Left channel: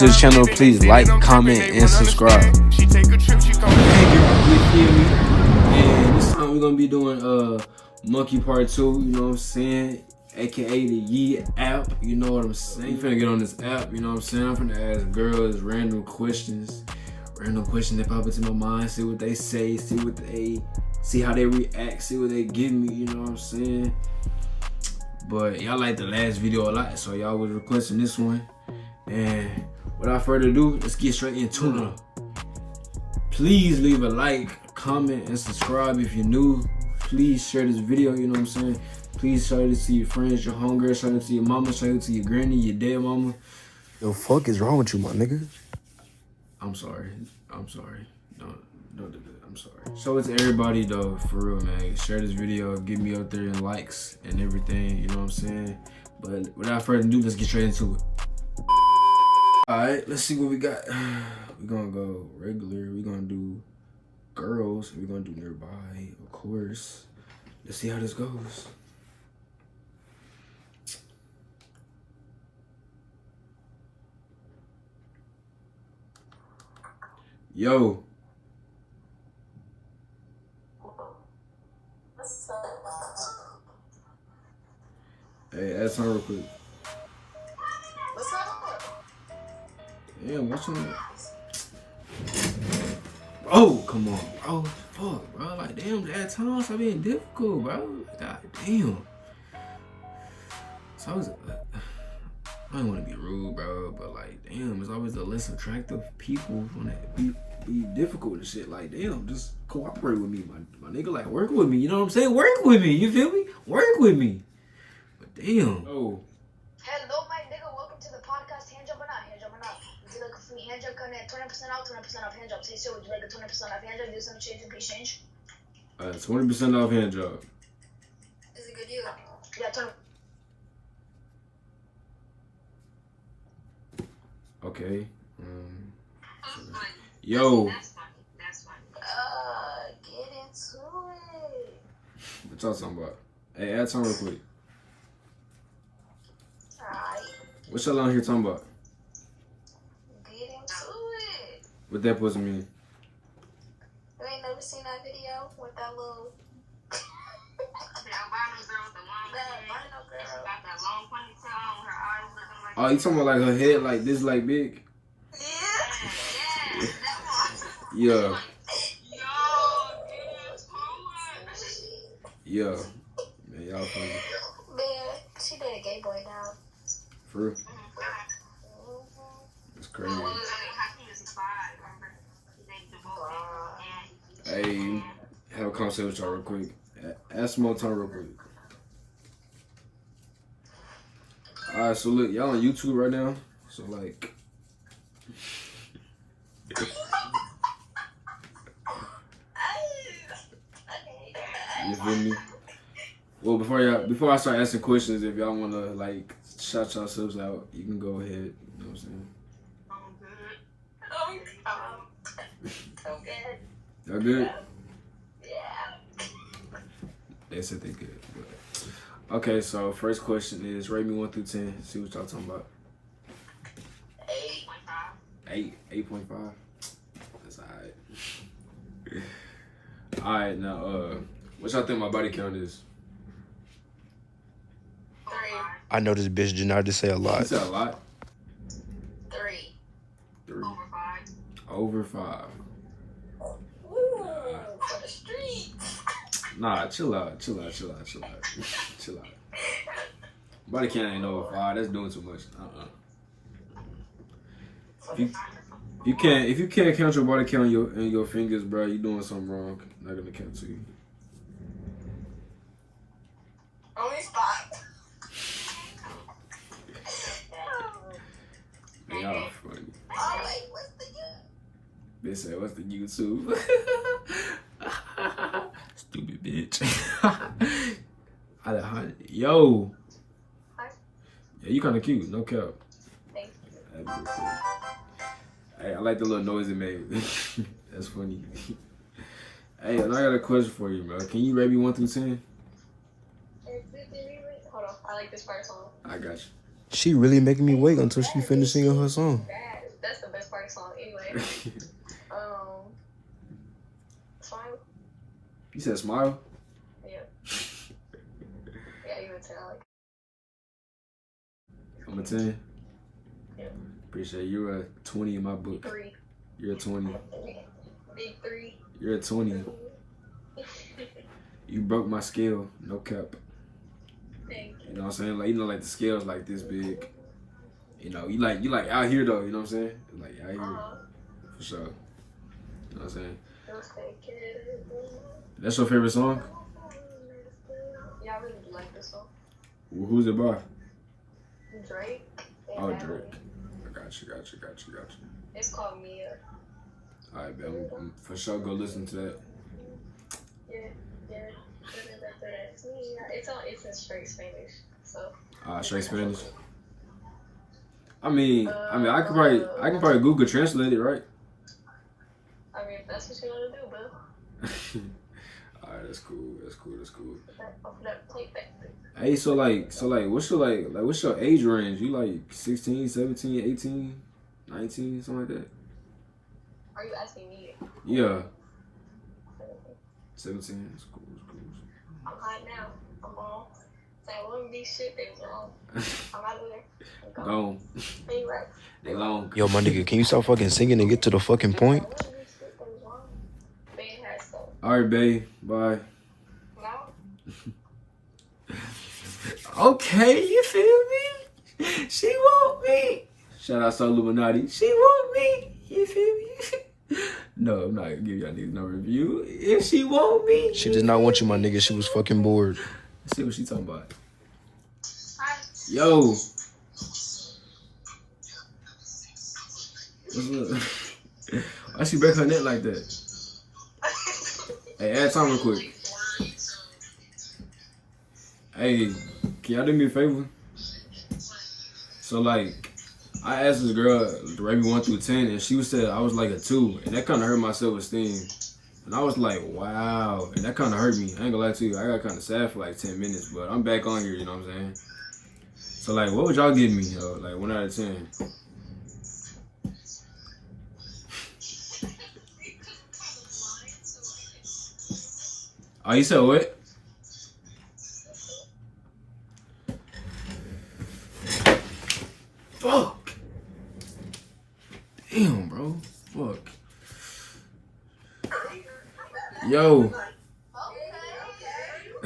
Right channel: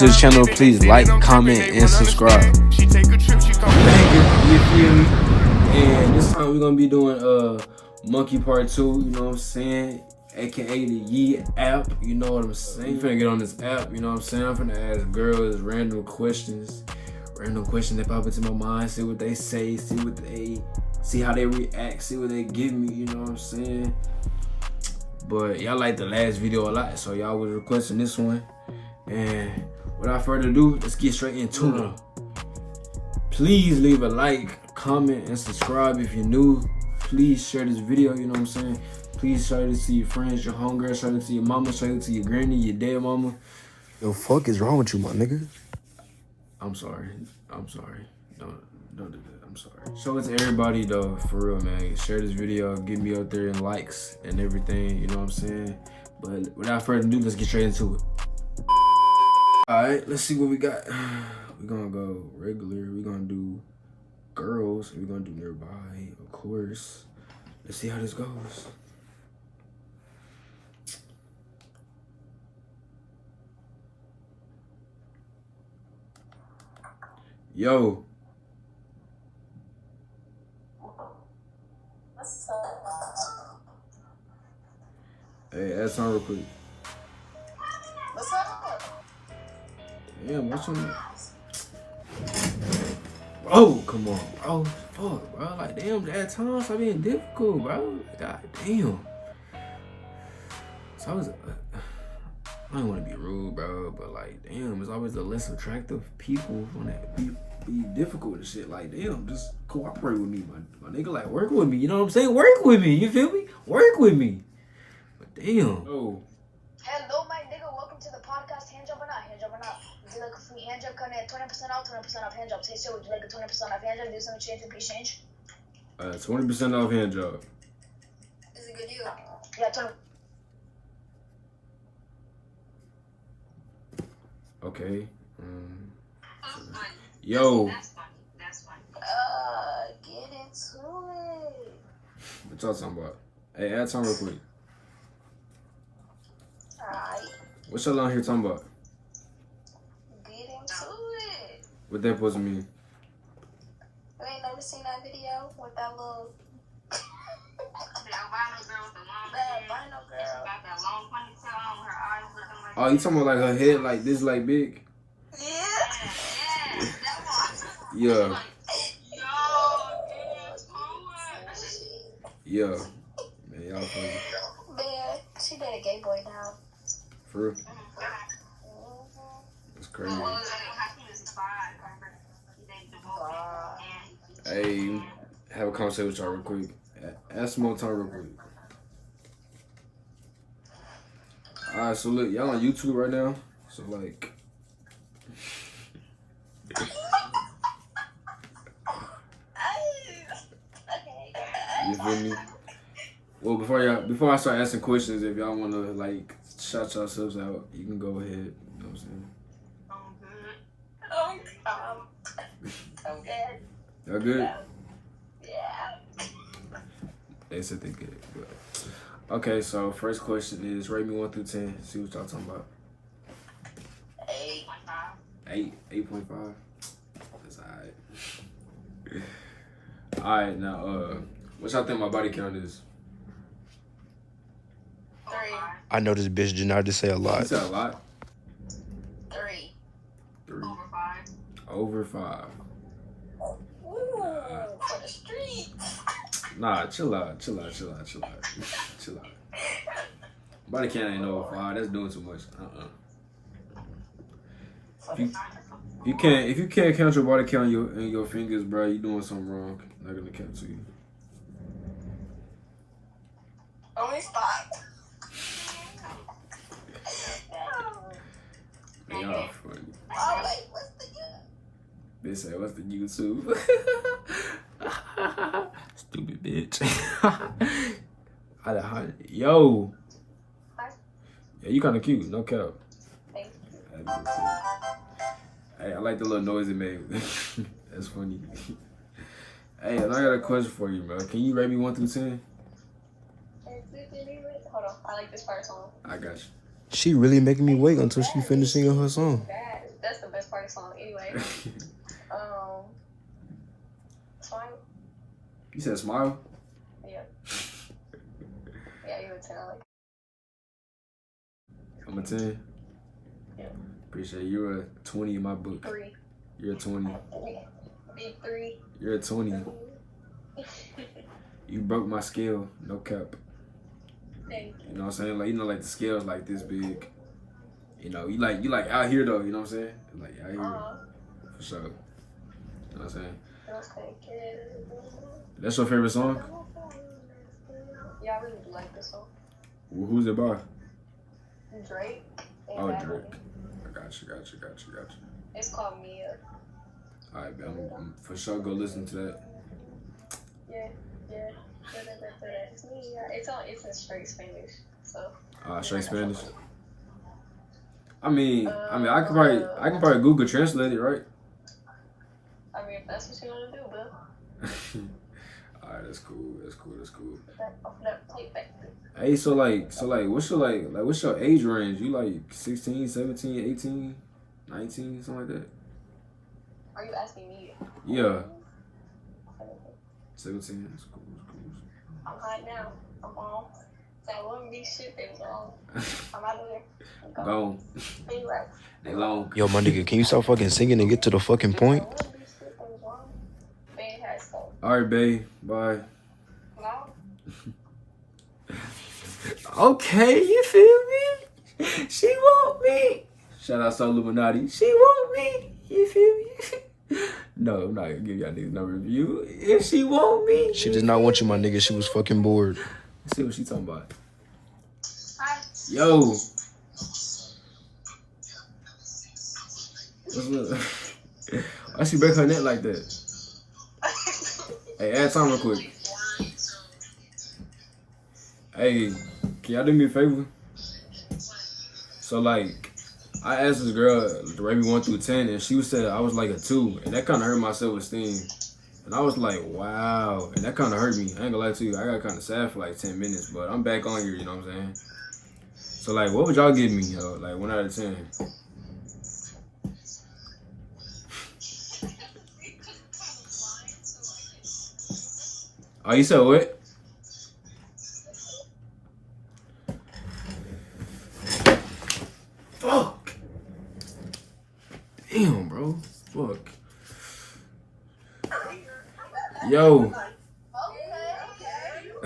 To the channel, please like, comment, and subscribe. You feel me? And this time we're gonna be doing Monkey Part 2, you know what I'm saying? AKA the Yee app, you know what I'm saying? I'm finna get on this app, you know what I'm saying? I'm finna ask girls random questions that pop into my mind, see what they say, see how they react, see what they give me, you know what I'm saying? But y'all liked the last video a lot, so y'all was requesting this one. And without further ado, let's get straight into it. Please leave a like, comment, and subscribe if you're new. Please share this video, you know what I'm saying? Please share it to your friends, your homegirl, share it to your mama, share it to your granny, your dead mama. Yo, fuck is wrong with you, my nigga? I'm sorry. Don't do that. I'm sorry. Show it to everybody though, for real, man. Share this video, get me up there in likes and everything, you know what I'm saying? But without further ado, let's get straight into it. Alright, let's see what we got. We're gonna go regular, we're gonna do girls, we're gonna do nearby, of course. Let's see how this goes. Yo. What's up? Hey, add time real quick. What's up? Damn, what's on? Oh, come on, bro. Fuck, bro. Like, damn, at times stop being difficult, bro. God damn. So I don't want to be rude, bro, but like, damn, it's always the less attractive people that be difficult and shit. Like, damn, just cooperate with me, my nigga. Like, work with me. You know what I'm saying? Work with me. You feel me? Work with me. But damn. Oh. Hello, my nigga. Welcome to the podcast. Hand job or not? Hand job or not? Would you like a free hand job coming at 20% off hand job? Say so. Would you like a 20% off hand job? Do some change and exchange? 20% off hand job. It's a good deal. Yeah, 20. Okay. Yo. That's funny. Get into it. What y'all talking about? Hey, add time real quick. Alright. What y'all on here talking about? Get into it. What that supposed to mean? You ain't never seen that video with that little... The albino girl with the long hair. albino girl. She got that long ponytail on her eyes looking like... Oh, you talking about like her head like this, like big? Yeah. Yeah, that one. Yeah. Yo, dude, cool. Yeah. Man, y'all funny. Man, she did a gay boy now. For real? That's crazy. Hey, have a conversation with y'all real quick. Ask some more time real quick. Alright, so look, y'all on YouTube right now. So like you feel me? Well, before I start asking questions, if y'all wanna like shout yourselves out, you can go ahead. You know what I'm saying? Okay. Y'all good? Yeah. They said they good. Good. Okay, so first question is rate me 1 through 10. See what y'all talking about. 8.5. That's alright. Alright, now what y'all think my body count is? 3. I know this bitch did not just say a You lot. said a lot? 3. 3. Over 5. Over 5. Ooh, for the streets. Nah, chill out. Chill out. Body count ain't over 5. That's doing too much. If you can't count your body count in your fingers, bro, you doing something wrong. Not gonna count to you. Only 5. Y'all funny. Oh, wait, what's the They say, what's the YouTube? Stupid bitch. Yo. Yeah, you kind of cute. No cap. Thank you. Hey, I like the little noise it made. That's funny. Hey, and I got a question for you, man. Can you rate me 1 through 10? Hold on, I like this part song. I got you. She really making me wait until she finished singing her song. That's the best part of the song anyway. Smile. You said smile? Yeah. Yeah, you would tell. Like, I'm a 10. Yeah. Appreciate it. You're a 20 in my book. 3. You're a 20. Big 3. You're a 20. You broke my scale. No cap. Thank you. You know what I'm saying? Like, you know, like the scale's like this big. You know, you like out here though. You know what I'm saying? Like out here. For sure. You know what I'm saying? That's your favorite song? Yeah, I really do like this song. Who's it by? Drake. Oh, Drake. I got you. It's called Mia. Alright, I'm for sure go listen to that. Yeah. It's in straight Spanish. So. Straight Spanish. I mean, I can probably Google Translate it, right? I mean, if that's what you want to do, bro. Alright, that's cool. That plate back. Hey, so what's your age range? You like 16, 17, 18, 19, something like that? Are you asking me? Yeah. 17. That's cool. I'm hot now. I'm on. That wouldn't be shit. They was wrong. I'm out of there. Gone. Be right. They long. Yo, my nigga, can you stop fucking singing and get to the fucking point? Alright, babe. Bye. No? Okay, you feel me? She want me. Shout out to Illuminati. She want me. You feel me? No, I'm not gonna give y'all niggas no review. If she want me. She did not want you, my nigga. She was fucking bored. Let's see what she talking about. Yo. What's up? Why she break her neck like that? Hey, add time real quick. Hey, can y'all do me a favor? So like, I asked this girl the rating 1 through 10, and she said I was like a 2, and that kind of hurt my self-esteem. And I was like, wow, and that kind of hurt me. I ain't gonna lie to you, I got kind of sad for like 10 minutes, but I'm back on here, you know what I'm saying? So like, what would y'all give me, yo? Like 1 out of 10? Oh, you said what? Fuck. Damn, bro. Fuck. Yo.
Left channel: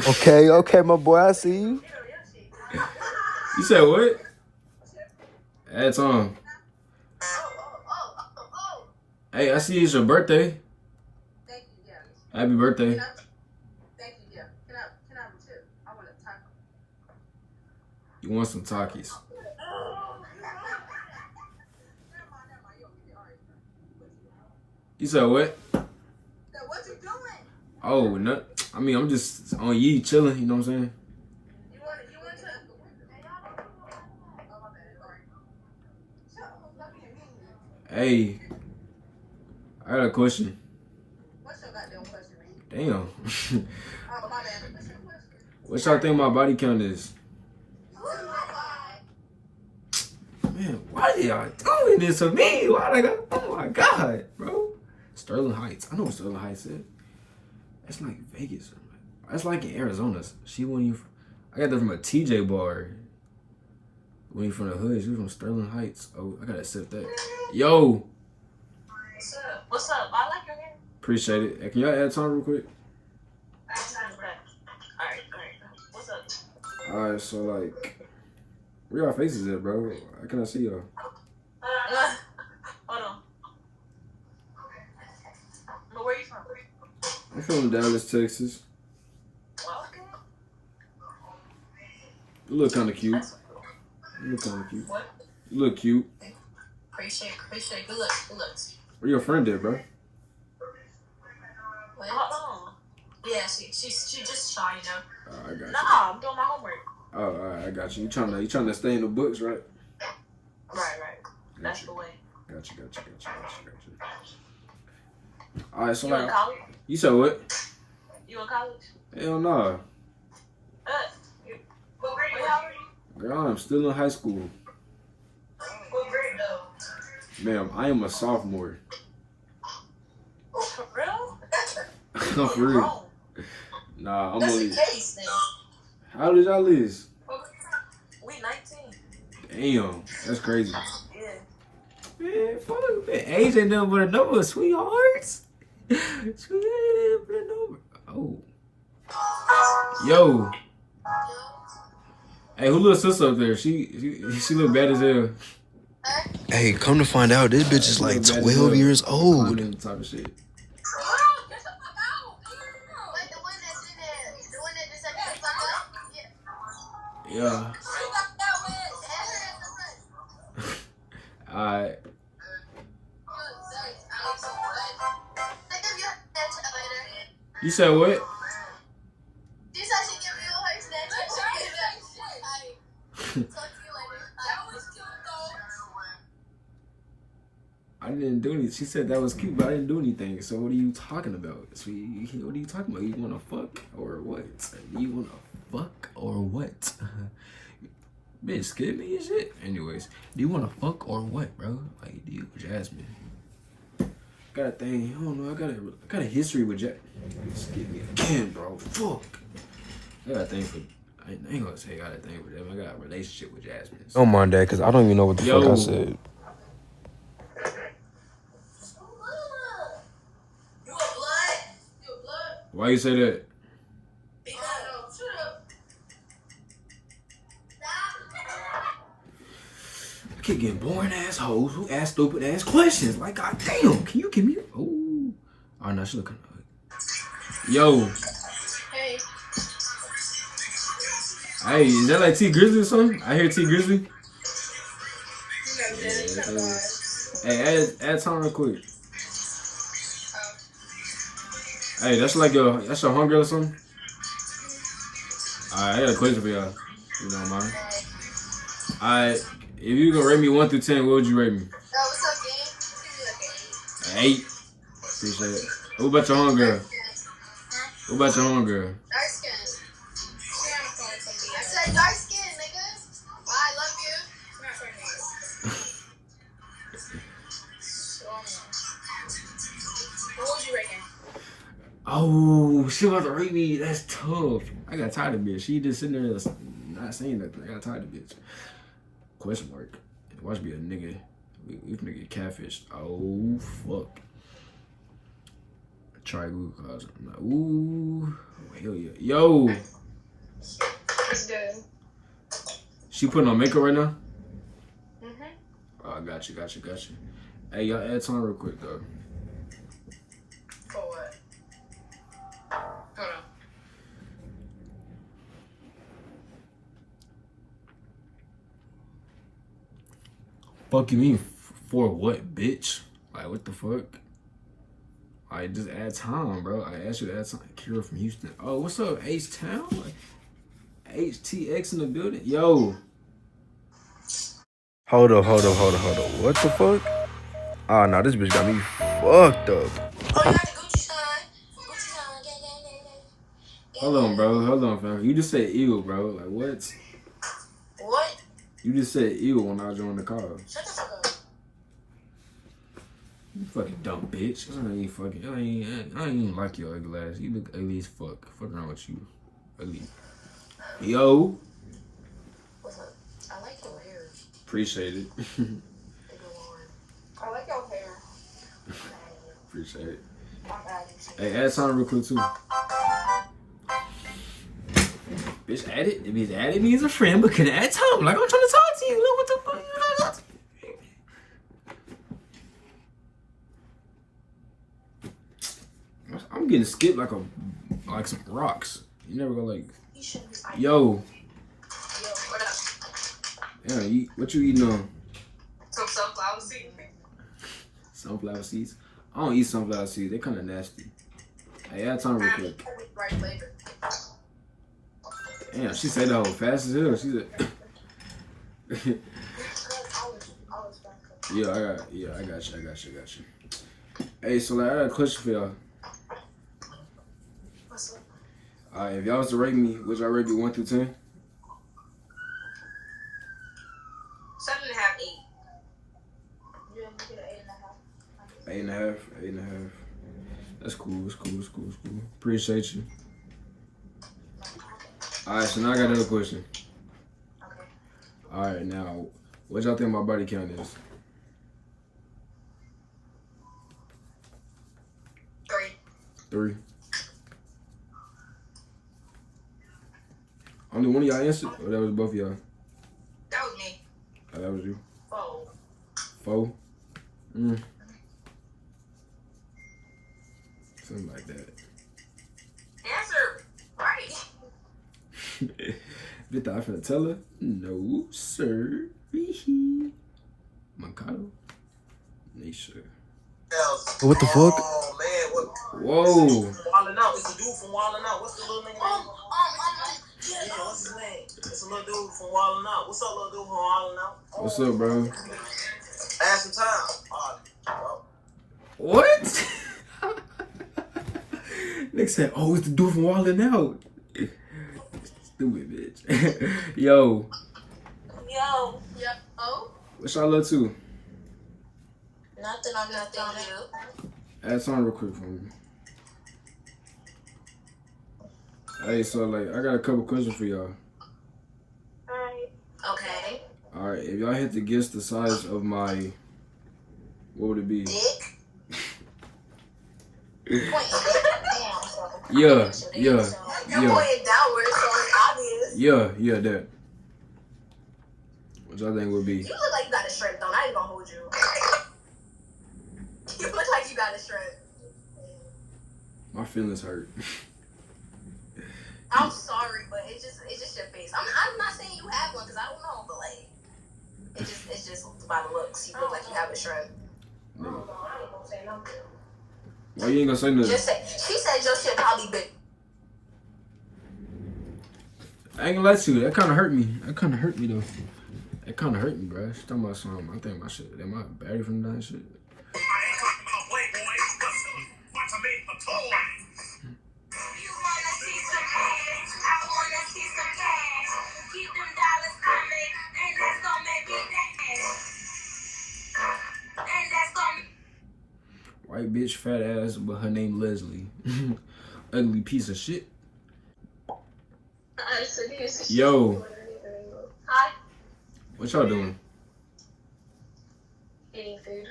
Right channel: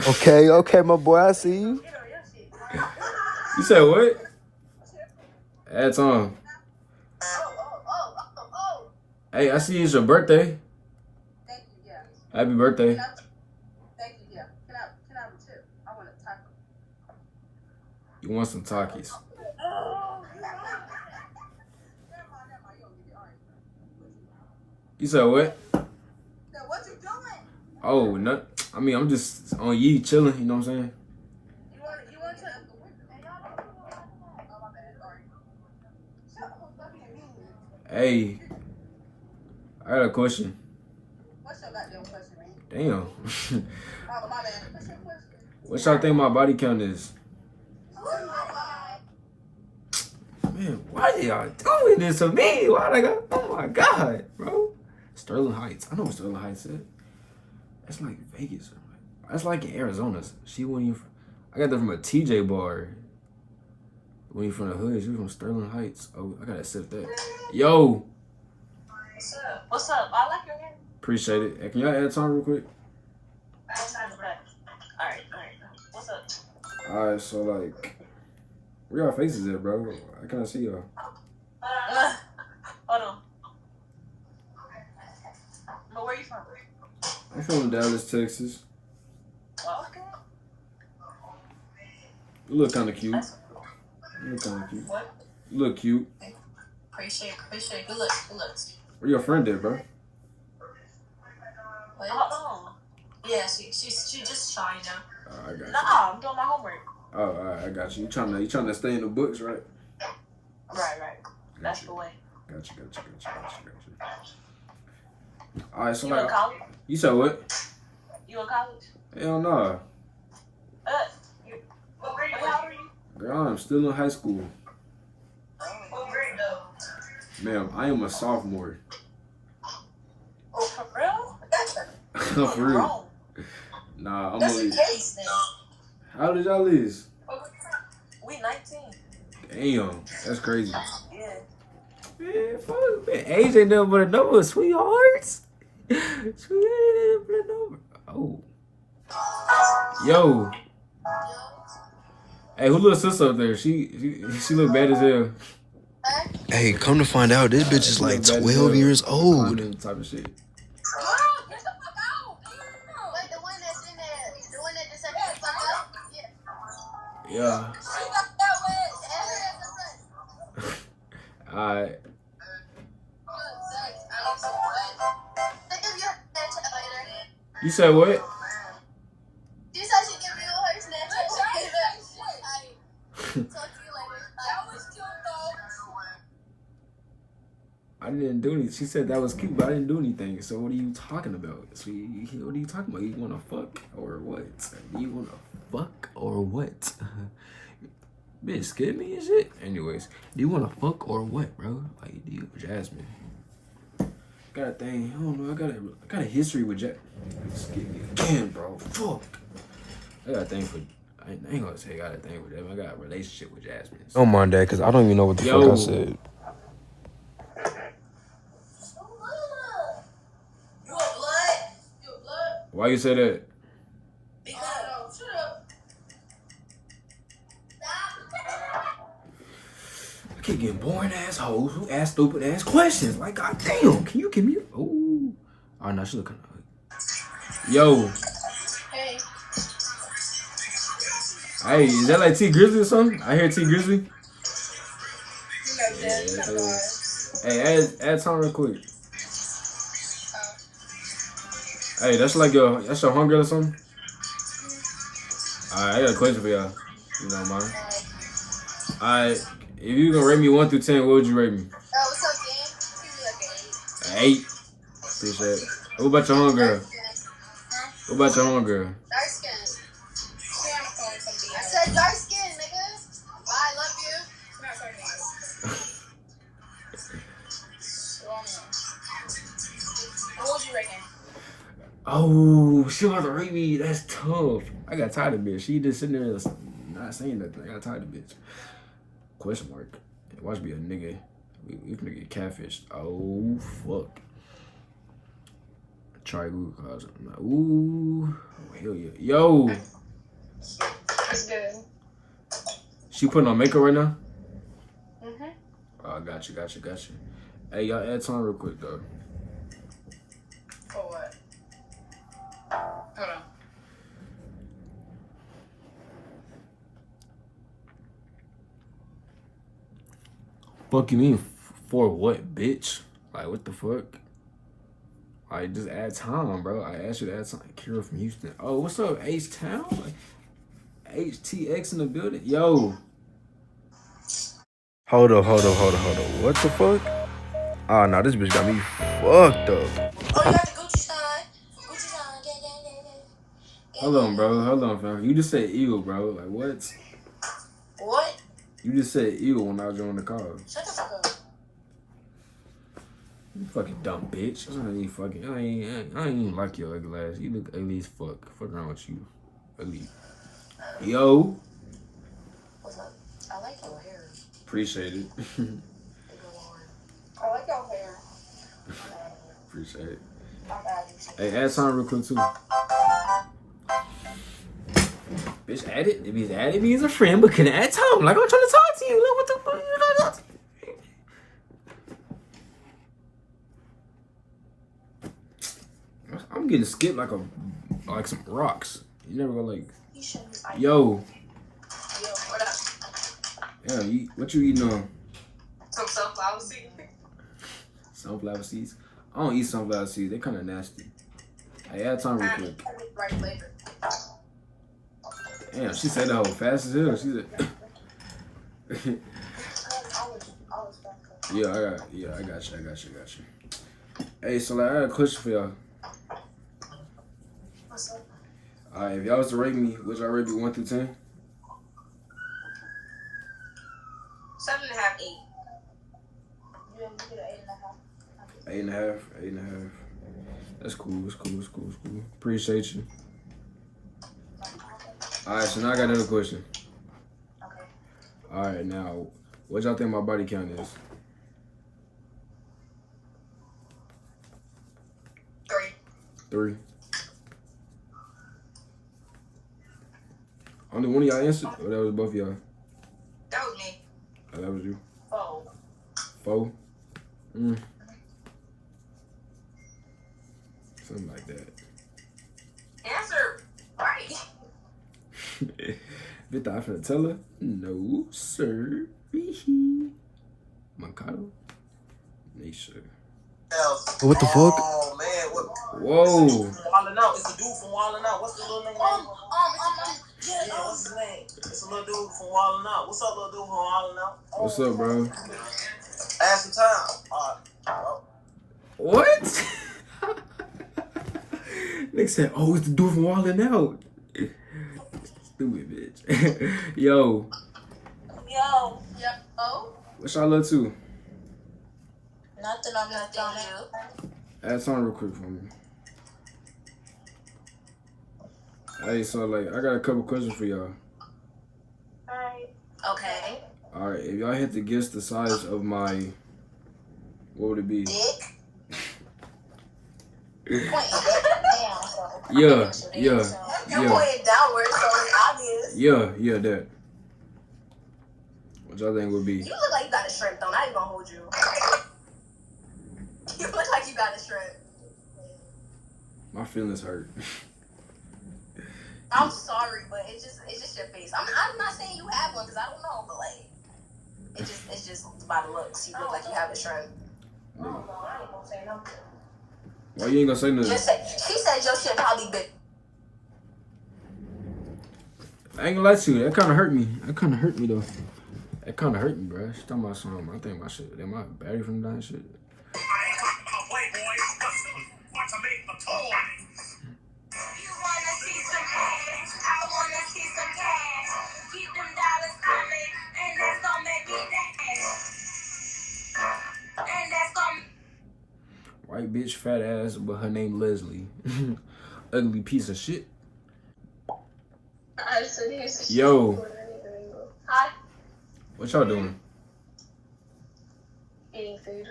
Okay, my boy, I see you. You said what? Add time. Hey, I see it's your birthday. Thank you, yeah. Happy birthday. Thank you, yeah. Can I have a tip? I want a taco. You want some Takis? You said what? What you doing? Oh, no. I mean, I'm just on Yee chilling, you know what I'm saying? You want to? Oh, my bad. Sorry. Hey, I got a question. What's your goddamn question, man? Damn. Oh, my bad. What's your question? What y'all think my body count is? Man, why y'all doing this to me? Why I got? Oh my god, bro. Sterling Heights. I know what Sterling Heights is. That's like Vegas. That's like in Arizona. She wasn't even. I got that from a TJ bar. When you from the hood, she was from Sterling Heights. Oh, I gotta accept that. Yo. What's up? I like your hair. Appreciate it. Hey, can y'all add time real quick? Alright. What's up? Alright, so like, where y'all faces at, bro? I can't see y'all. Hold on. But where you from? I'm from Dallas, Texas. Well, okay. You look kind of cute. That's cool. You look kind of cute. What? You look cute. Appreciate. Good looks. Where your friend at, bro? Wait, hold on. Yeah, she just shy, you know. I got you. Nah, I'm doing my homework. Oh, alright, I got you. You trying to stay in the books, right? Right. That's the way. Got you. Alright, so You in like, college? you said what? You in college? Hell nah. What grade? How old are you? Girl, I'm still in high school. What grade though? Ma'am, I am a sophomore. Oh, for real? No, for real. Wrong. Nah, I'm That's only. the case then. How did y'all lose? We 19. Damn, that's crazy. Yeah. Man, fuck, man. Age ain't nothing but a number, sweethearts. Sweet ain't but a number. Oh. Yo. Hey, who little sister up there? She look bad as hell. Hey, come to find out, this bitch is like 12 years old. Type of shit. Like the one that's in there, the one that just said the fuck up? Yeah. Yeah. Alright. You said what? She said she give me all her Snapchat. Talk to you later. I didn't do anything. She said that was cute, but I didn't do anything. So what are you talking about? So what are you talking about? You want to fuck or what? You want to fuck or what? Bitch, scared me and shit. Anyways, do you want to fuck or what, bro? Like, do you, Jasmine? Got a thing. I don't know. I got a history with Jack. Scared me again, bro. Fuck. I got a thing for. I ain't gonna say I got a thing with Jasmine. I got a relationship with Jasmine. Don't mind that, because I don't even know what the fuck I said. You a blood? Why you say that? Because. Shut up. I keep getting boring ass hoes who ask stupid ass questions. Like, goddamn, can you give me? Oh, no, she looking. Yo. Hey. Hey, is that like T Grizzly or something? I hear T Grizzly. You know, Daddy, you know why. Hey, add time real quick. Hey, that's like your hunger or something? Alright, I got a question for y'all. You don't mind? Alright, if you gonna rate me 1 through 10, what would you rate me? What's up, gang? An 8. Appreciate it. What about your homegirl? What about your homegirl? Dark skin. I said dark skin, nigga. Bye, I love you. What would you reckon? Oh, she about to rate me. That's tough. I got tired of the bitch. She just sitting there not saying nothing. I got tired of the bitch. Question mark. Watch me a nigga. We finna get catfished. Oh, fuck. Try Google cause. Ooh. Oh, hell yeah. Yo. It's good. She putting on makeup right now? Mm-hmm. Oh, got you. Hey, y'all add time real quick, though. For what? Hold on. Fuck you mean for what, bitch? Like, what the fuck? Like, just add time, bro. I asked you to add time. Kira from Houston. Oh, what's up, H-Town? Like, HTX in the building? Yo. Hold up. What the fuck? Oh, no, this bitch got me fucked up. Oh, you got the Gucci sign. Yeah. Hold on, fam. You just said ew, bro. Like, what? What? You just said ew when I joined the call. Shut the fuck up. You fucking dumb bitch. I ain't even like your ugly ass. You look ugly as fuck. Fuck around with you. Ugly. Yo. What's up? I like your hair. Appreciate it. I like your hair. Appreciate it. My bad. Hey, add time real quick too. Bitch, added me as a friend, but couldn't add time. Like, I'm trying to talk to you. Look, what the fuck you trying to talk to me? I'm getting skipped like some rocks. You never go like, You shouldn't be. yo, Yo, what up? yeah, what you eating on? Some sunflower seeds. Sunflower seeds? I don't eat sunflower seeds. They kind of nasty. Hey, add time real quick. Right flavor. Damn, she said that whole fast as hell. She said, yeah, I got you. Hey, so like, I got a question for y'all. What's up? Alright, if y'all was to rate me, would y'all rate me 1 through 10? 7.5, 8. You 8.5. 8.5. That's cool. It's cool. It's cool. It's cool. Appreciate you. All right, so now I got another question. Okay. All right, now, what y'all think my body count is? 3. 3. Only one of y'all answered, or that was both of y'all? That was me. Oh, that was you. 4. 4? Something like that. Answer right. Bitch, I finna tell her? No, sir. Mancado? Nisha. What the fuck? Oh man, what? Whoa. Wildin' Out. It's a dude from Wildin' Out. What's the little nigga name? Yeah, what's his name? It's a little dude from Wildin' Out. What's up, little dude from Wildin' Out? What's up, bro? Add some time. What? Nick said, oh, it's the dude from Wildin' Out. Stupid bitch. Yo. Yo. Yep. Oh? What y'all up to? Nothing on that thing. Add something real quick for me. Hey, so like, I got a couple questions for y'all. Alright. Okay. All right, if y'all had to guess the size of my, what would it be? Dick. Point. Damn. Yeah. You're pointing downward, so it's obvious. Yeah, that. What y'all think would be? You look like you got a shrimp, though. Not even gonna hold you. You look like you got a shrimp. My feelings hurt. I'm sorry, but it's just your face. I'm not saying you have one because I don't know, but like it's just by the looks. You look like you have a shrimp. Why you ain't gonna say nothing? Just say she said your shit probably big. I ain't gonna lie to you. That kind of hurt me. That kind of hurt me though. That kind of hurt me, bro. She talking about something. I think my shit. Am I battery from that shit? White bitch, fat ass, but her name Leslie. Ugly piece of shit. Yo. Hi. What y'all doing? Eating food.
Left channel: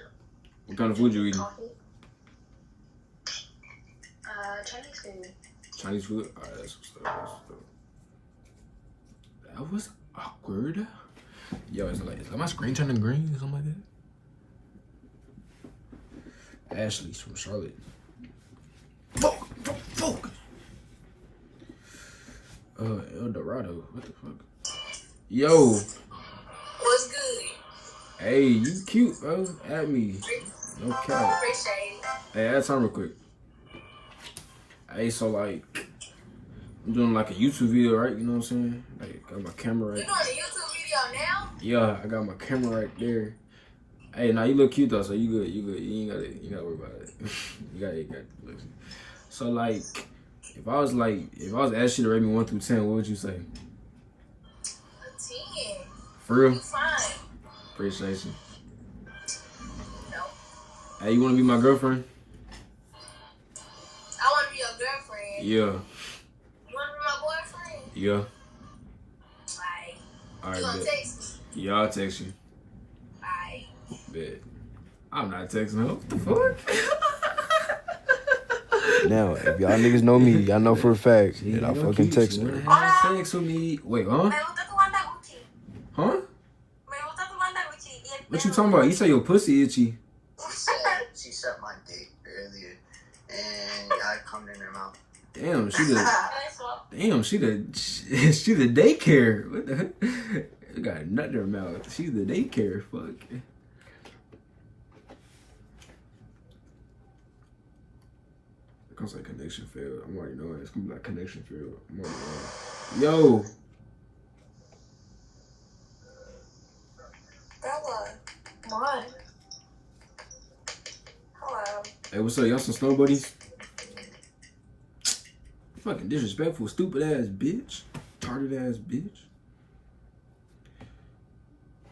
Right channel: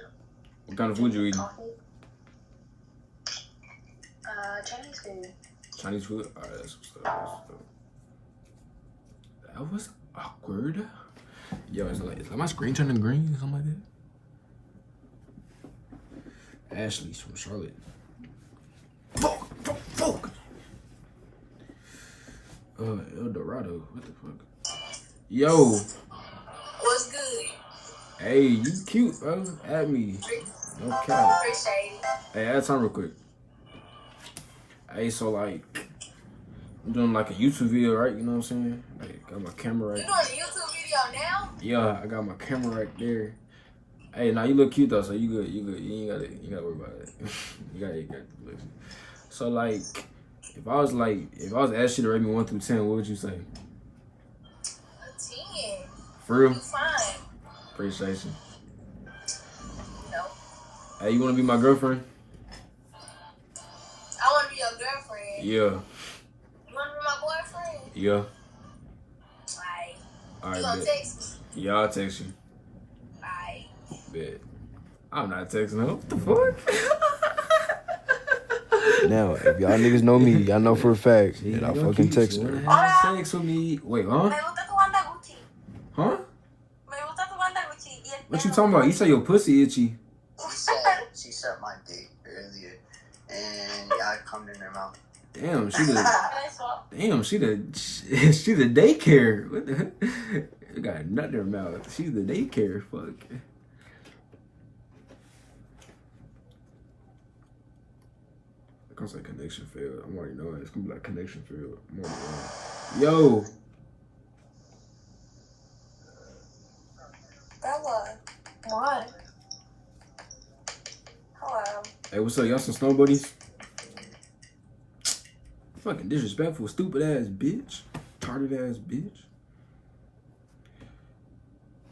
What kind of food you eating? Coffee. Chinese food. Chinese food? Alright, that's what's up. That was awkward. Yo, is like my screen turning green or something like that? Ashley's from Charlotte. Fuck. El Dorado. What the fuck? Yo. What's good? Hey, you cute, bro. At me. No cap. Appreciate it. Hey, add time real quick. Hey, so like, I'm doing like a YouTube video, right? You know what I'm saying? Like, got my camera right You doing a YouTube video now? Yeah, I got my camera right there. Hey, now you look cute though, so you good. You ain't gotta worry about it. you got look. So like, if I was asked you to rate me 1 through 10, what would you say? 10. For real? You fine. Appreciate you. No. Hey, you wanna be my girlfriend? I wanna be your girlfriend. Yeah. You wanna be my boyfriend? Yeah. Like, Alright, you gonna bet. text me? Yeah, I'll text you. Alright. Bet. I'm not texting her. What the fuck? Now, if y'all niggas know me, y'all know for a fact that I fucking text her. Text with me. Wait, huh? Me gusta tu banda Gucci. Huh? Me gusta tu banda Gucci. Y el What you pelo. talking about? You say your pussy itchy. She sucked my dick earlier, and I come in her mouth. Damn, she the That's what. she the daycare. What the heck? You got a nut in her mouth. She's the daycare. Fuck. It comes like connection failed. I'm already knowing it's gonna be like connection failed. I'm already knowing. Yo. Bella. What? Hello. Hey, what's up? Y'all some snow buddies? Fucking disrespectful, stupid ass bitch. Retarded ass bitch.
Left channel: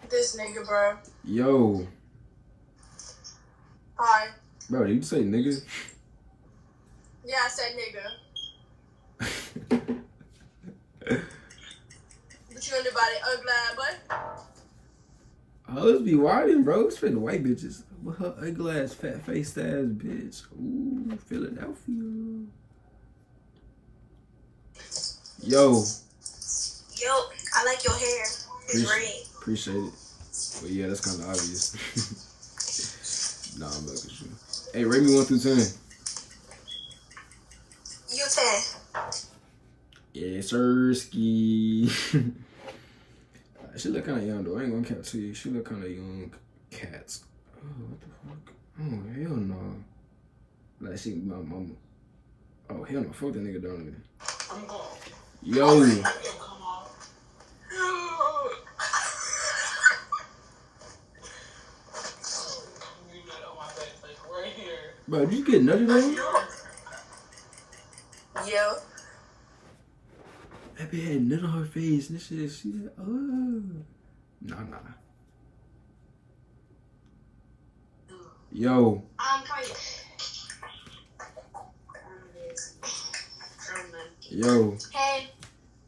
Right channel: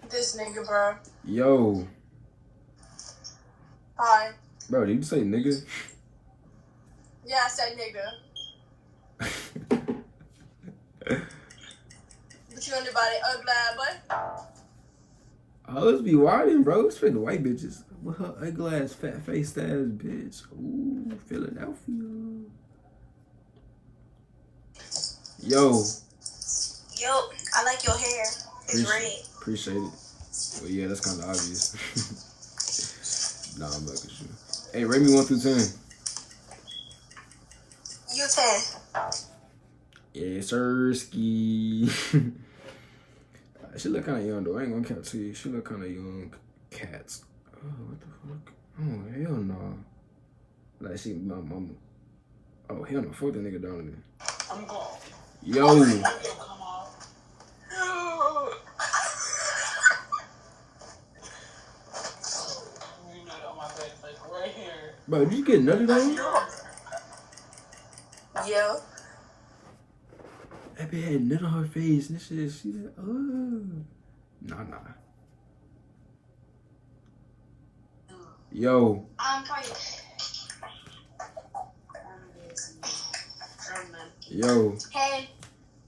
This nigga, bro. Yo. Hi. Bro, did you say nigga? Yeah, I said nigga. What you wonder about it, ugly ass boy? Hoes be wildin', bro. It's for the white bitches. With her ugly ass, fat faced ass bitch. Ooh, Philadelphia. Yo, Yo, I like your hair. It's red. appreciate it. Well, yeah, that's kind of obvious. Nah, I'm back with you. Hey, rate me 1 through 10. You 10. Yeah, sirski. She look kind of young though. I ain't gonna count to you. She look kind of young. Cats. Oh, what the fuck? Oh, hell no. Like she my mama. Oh, hell no. Fuck that nigga Donovan. I'm gone. Yo. Come on. You know on my back, like right here. Bro, did you get nutted on? Yo. That bitch had nut on her face. And this shit, she said, oh. Nah. Yo. Cardi. Yo. Hey.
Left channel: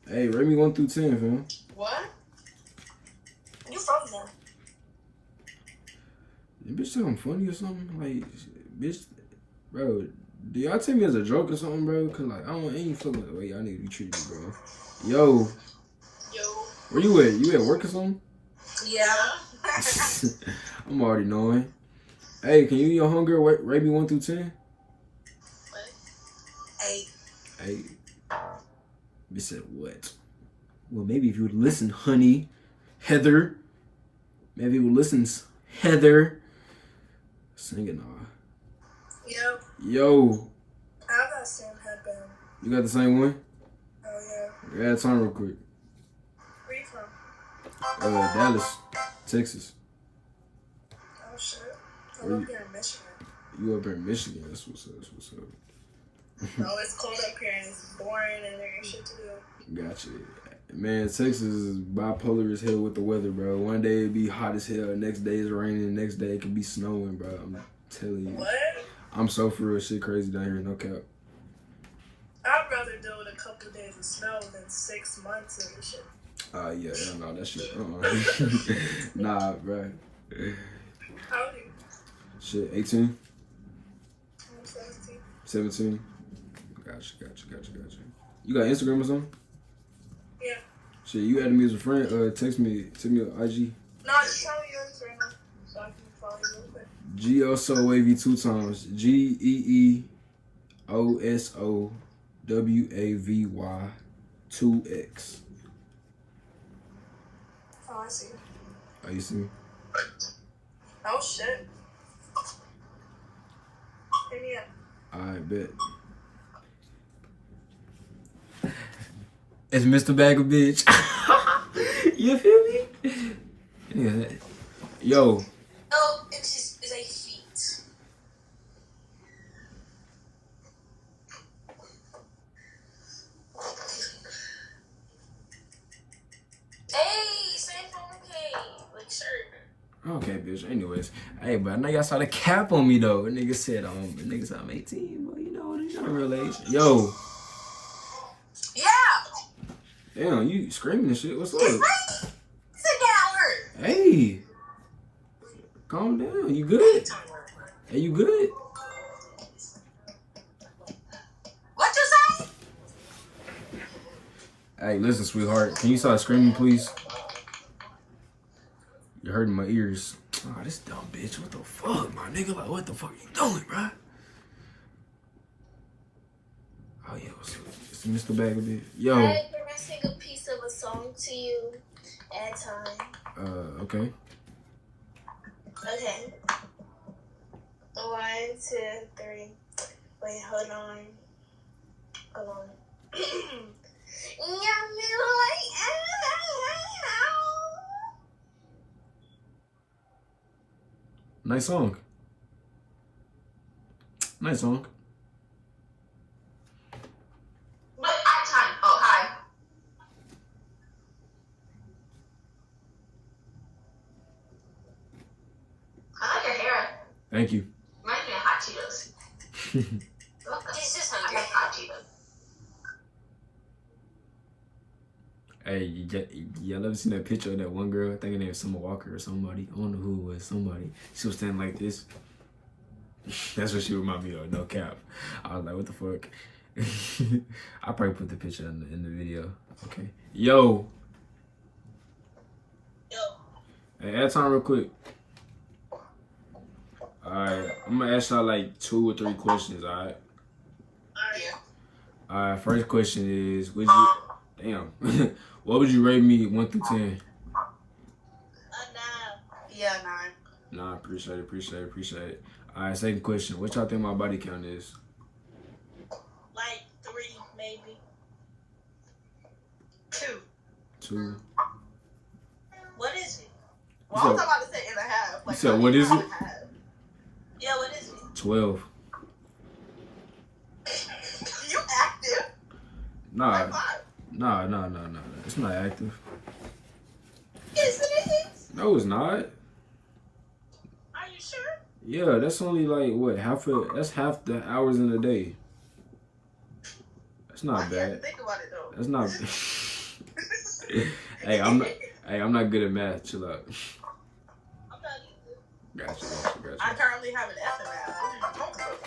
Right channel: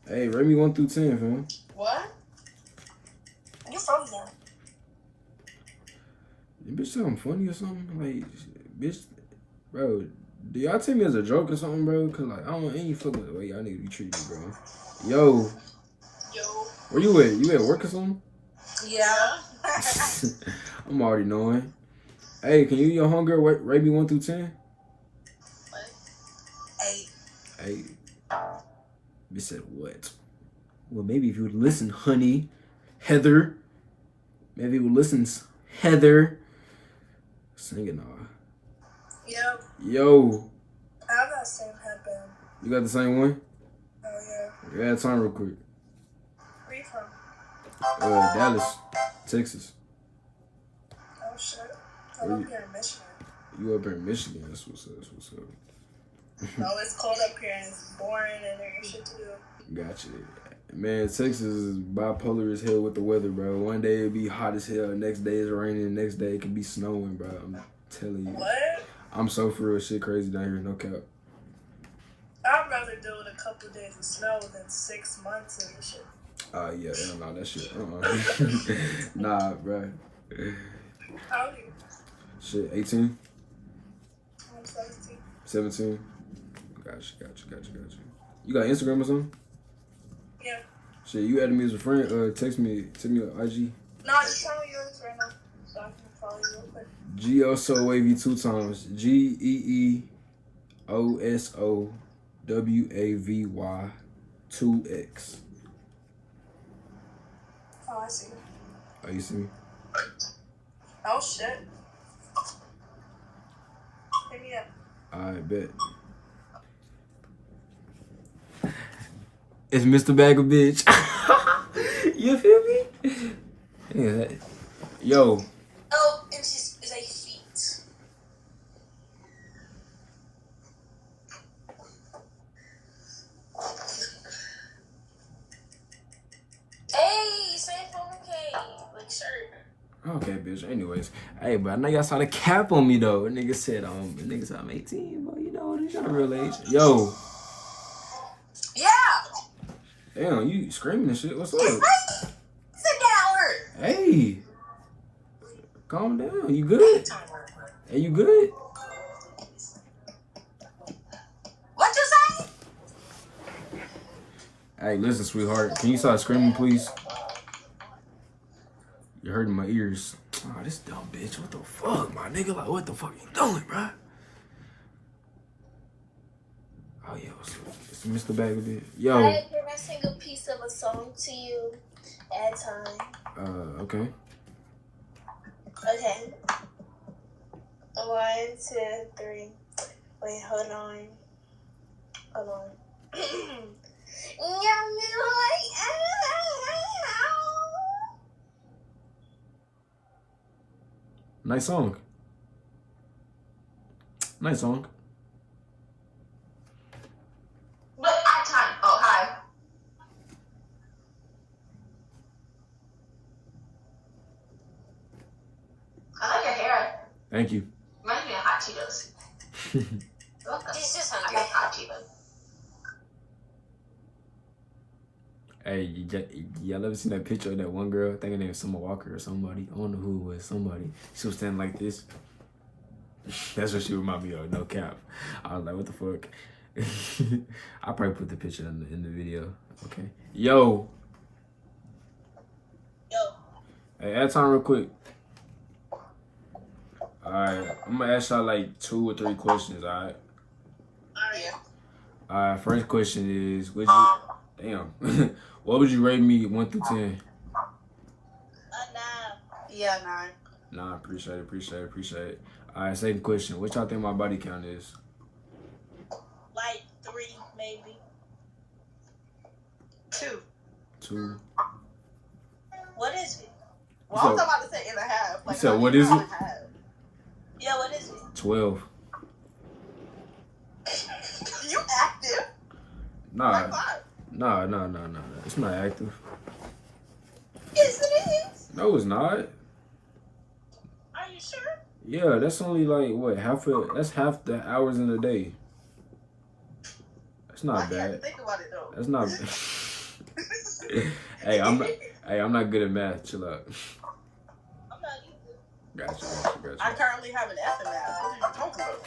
Hey, rate me 1 through 10, fam. What? You from there? You bitch think I'm funny or something? Like, bitch, bro, do y'all take me as a joke or something, bro? Cause like, I ain't feeling the way y'all need to be treated, bro. Yo. Where you at? You at work or something? Yeah. I'm already knowing. Hey, can you and your homegirl rate me 1 through 10? 8. 8. Bitch said what? Well, maybe if you would listen, honey. Heather. Maybe you would listen, Heather. Sing it now. Yep. Yo. I got the same headband. You got the same one? Oh, yeah. Yeah, that time real quick. Where you from? Dallas, Texas. Oh, shit. Where I'm you- up here in Michigan. You up in Michigan? That's what's up. That's what's up. No, it's cold up here and it's boring and there ain't shit to do. Gotcha. Man, Texas is bipolar as hell with the weather, bro. One day it be hot as hell, next day it's raining, the next day it can be snowing, bro. I'm telling you. What? I'm so for real, shit crazy down here, no cap. I'd rather deal with a couple days of snow than 6 months of this shit. Yeah, hell no, that shit. Nah, bro. How old are you? Shit, 18, I'm 17. 17. Gotcha. You got Instagram or something? Yeah. Shit, you added me as a friend. Text me on IG. No, I'm just telling you yours right now. So I can follow you real quick. GeoSoWavy 2 times. GeeOSOWAVY 2X. Oh, I see. Oh, you see? Oh, shit. Hit me up. I bet. It's Mr. Bag of Bitch. You feel me? Yeah. Yo. Oh, it's a feet. Hey, same phone K. Like, shirt. Okay, bitch. Anyways. Hey, but I know y'all saw the cap on me, though. The nigga said, I'm 18, but you know, this your real age. Yo. Yeah. Damn, you screaming and shit. What's up? Sit down. Hey. Calm down. You good? Hey, you good? What you say? Hey, listen, sweetheart. Can you stop screaming, please? You're hurting my ears. Oh, this dumb bitch. What the fuck, my nigga? Like, what the fuck you doing, bro? Oh, yeah, what's up? It's Mr. Bag of Bitch. Yo. Hey, can I sing a piece of a song to you at a time? Okay. Okay. 1, 2, 3. Wait, hold on. Nice song. Nice song. What at time? Oh, hi. I like your hair. Thank you. Reminds me of hot Cheetos. He's just hungry. I got hot Cheetos. Hey, y'all ever seen that picture of that one girl? I think her name was Summer Walker or somebody. I don't know who it was. Somebody. She was standing like this. That's what she reminded me of. No cap. I was like, what the fuck? I'll probably put the picture in the video. Okay. Yo. Hey, add time real quick. Alright. I'm gonna ask y'all like 2 or 3 questions, alright? Alright, first question is, would you... Damn. What would you rate me 1 through 10? 9. Yeah, 9. Nah, appreciate it. Alright, second question. What y'all think my body count is? Like 3, maybe. 2. 2. What is it? Well, I was about to say 1.5. Like, said, what is it? Yeah, what is it? 12. You active? Nah. High five. Nah. It's not active. Yes, it is. No, it's not. Are you sure? Yeah, that's only like what that's half the hours in a day. That's I not have to bad. think about it though. That's not. Hey, I'm not good at math. Chill out. I'm not either. Gotcha. I currently have an F in that. What are you talking about?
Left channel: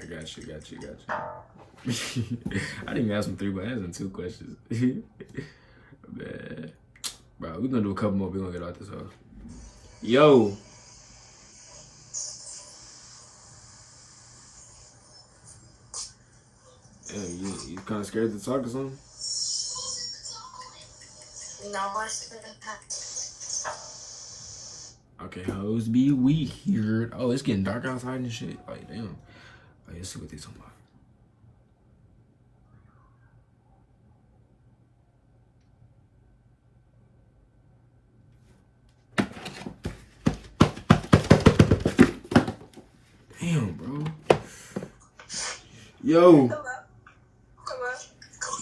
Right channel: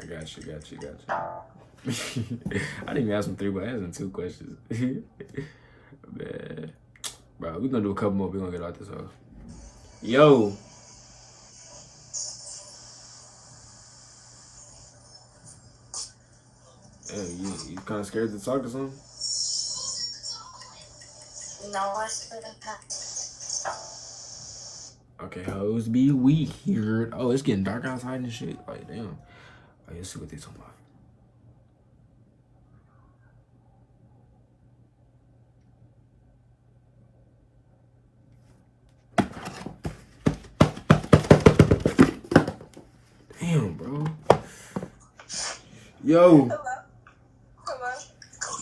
I got you. I didn't even ask him 3, but I asked him 2 questions. Man. Bro, we're gonna do a couple more. We're gonna get out this hoe. Yo. Hey, you kind of scared to talk or something? No, I shouldn't have. Okay, hoes be weird. Oh, it's getting dark outside and shit. Like, damn. Oh, let's see what they talking about. Damn, bro. Yo. Hello.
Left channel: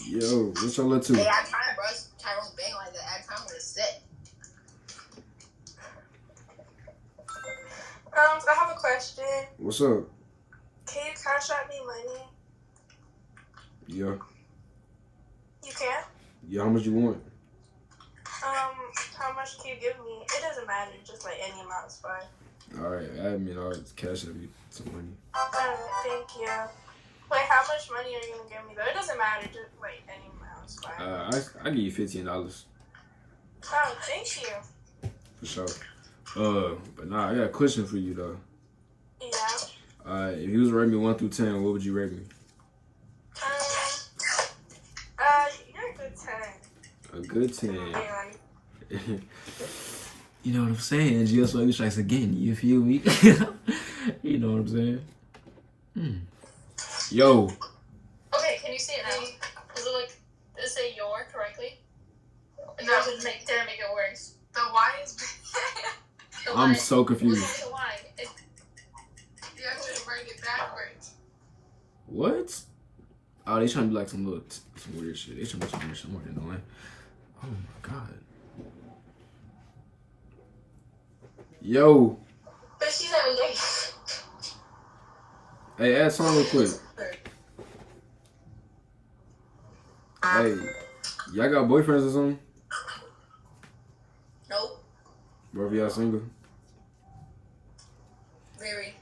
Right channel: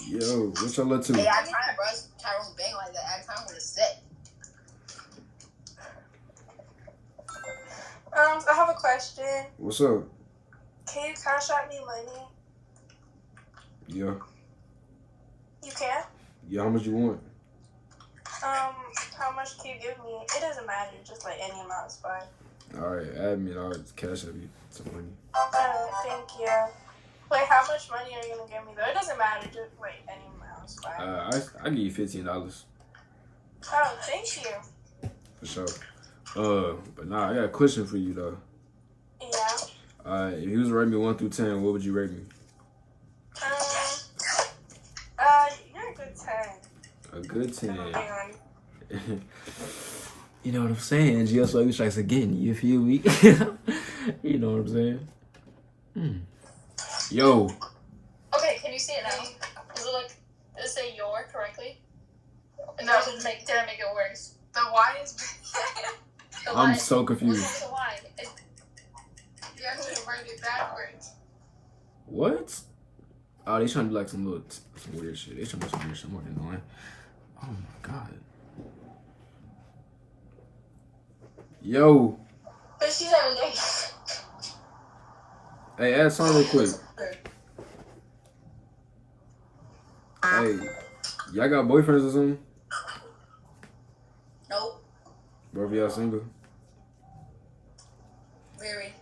Yo, what's y'all up to? Hey, I tried, bro. Tyrone bang like that. I time with a set. I have a question. What's up? Can you cash out me money? Yeah. You can? Yeah, how much you want? How much can you give me? It doesn't matter, just like any amount is fine. Alright, add me and I'll cash out you some money. Alright, thank you. Wait, how much money are you gonna give me though? It doesn't matter, just like any amount is fine. I give you $15 Oh, thank you. for sure. But nah, I got a question for you though. Yeah. If you was to rate me 1 through 10, what would you rate me? You're a good 10. A good 10. Man. You know what I'm saying? Just like strikes again. You feel me? You know what I'm saying? Yo. Okay, can you see it now? Does it say your correctly? And no. Did it make it worse? The Y is The I'm Y- so confused. The Y. you have to write it backwards. What? Oh, they trying to do like some weird shit. They trying to do some weird shit. I'm already annoying. Oh my god. Yo. But she's having like. Hey, add something real quick. Hey, y'all got boyfriends or something? Nope. Both of y'all single? Very.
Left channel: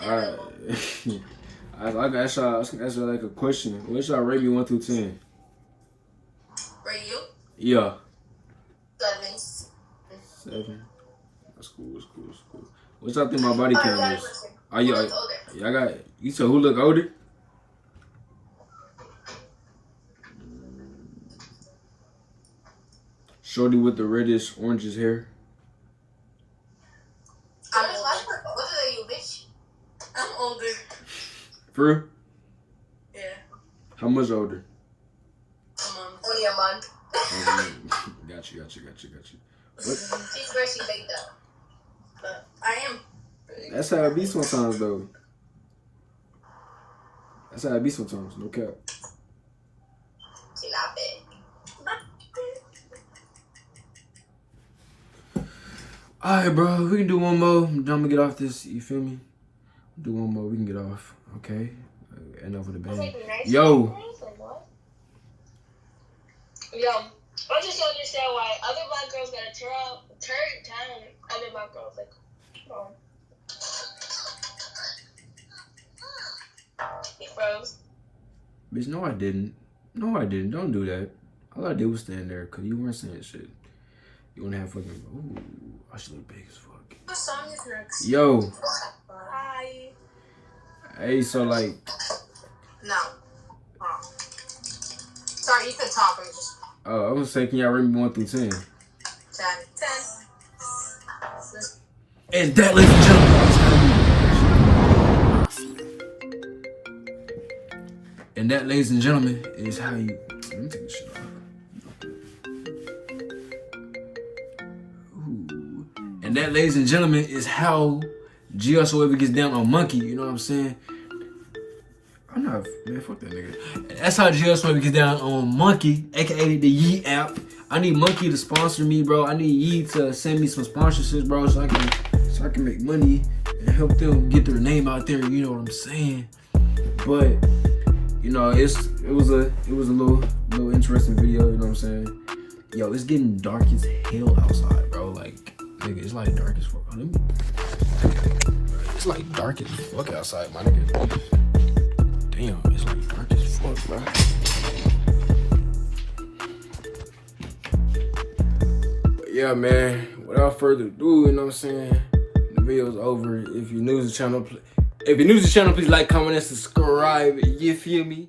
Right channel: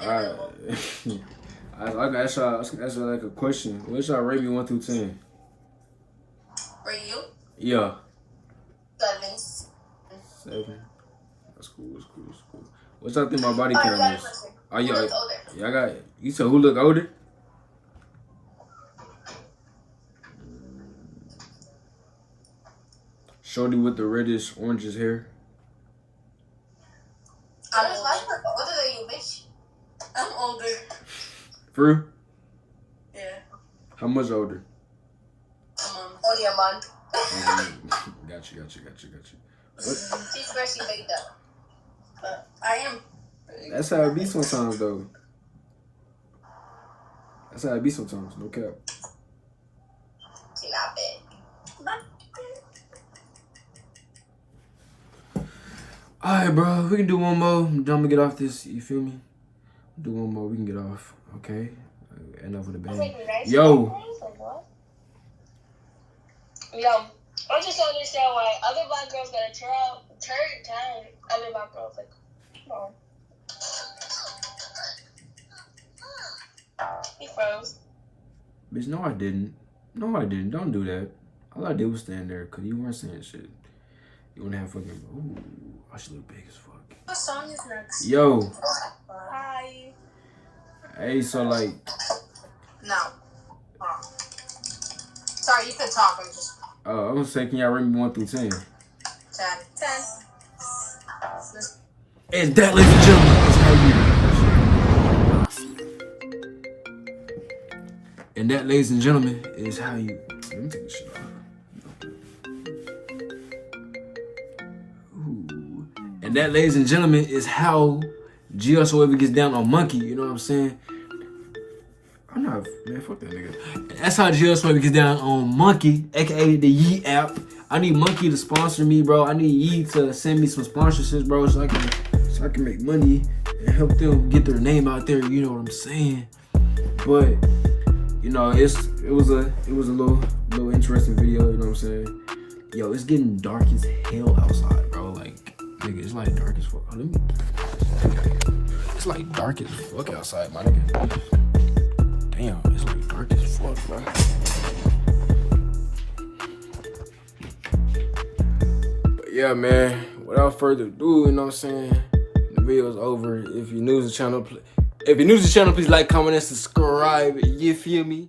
Alright. I can ask y'all like a question. What y'all rate me 1 through 10? For you? Yeah. 7. 7. That's cool. What y'all think my body count is? Oh, y'all you said who look older? Shorty with the reddish, orangish hair. I'm older than you, bitch. I'm older. For real? Yeah. How much older? Only a month. Got you. What? She's freshly baked up. But I am. That's how it be sometimes, though. No cap. She not bad. Alright, bro. We can do one more. I'm gonna get off this. You feel me? Do one more. We can get off. Okay. Enough with the I was band. like, nice Yo. girls, like, what? Yo, I just don't understand why other black girls gotta turn down other black girls. Like, no. He froze. Bitch, no, I didn't. No, I didn't. Don't do that. All I did was stand there because you weren't saying shit. You want to have fucking. Ooh, I should look big as fuck. What song is next? Yo. Hi. Hey, so like. No. Sorry, you can talk. I'm just I was saying, can y'all rate me 1 through 10? 10. And that, ladies and gentlemen. And that, ladies and gentlemen, is how you. Let me take this shit off. Ooh. And that, ladies and gentlemen, is how GeoSoever gets down on Monkey. You know what I'm saying? I'm not, man, fuck that nigga. That's how GeoSoever gets down on Monkey, aka the Yee app. I need Monkey to sponsor me, bro. I need Yee to send me some sponsorships, bro, so I can make money and help them get their name out there. You know what I'm saying? But you know, it was a little interesting video. You know what I'm saying? Yo, it's getting dark as hell outside, bro. Like, nigga, it's like dark as fuck. It's like dark as fuck outside, my nigga. Damn, it's like dark as fuck, bro. But yeah, man, without further ado, you know what I'm saying? The video's over. If you're new to the channel, please like, comment, and subscribe. You feel me?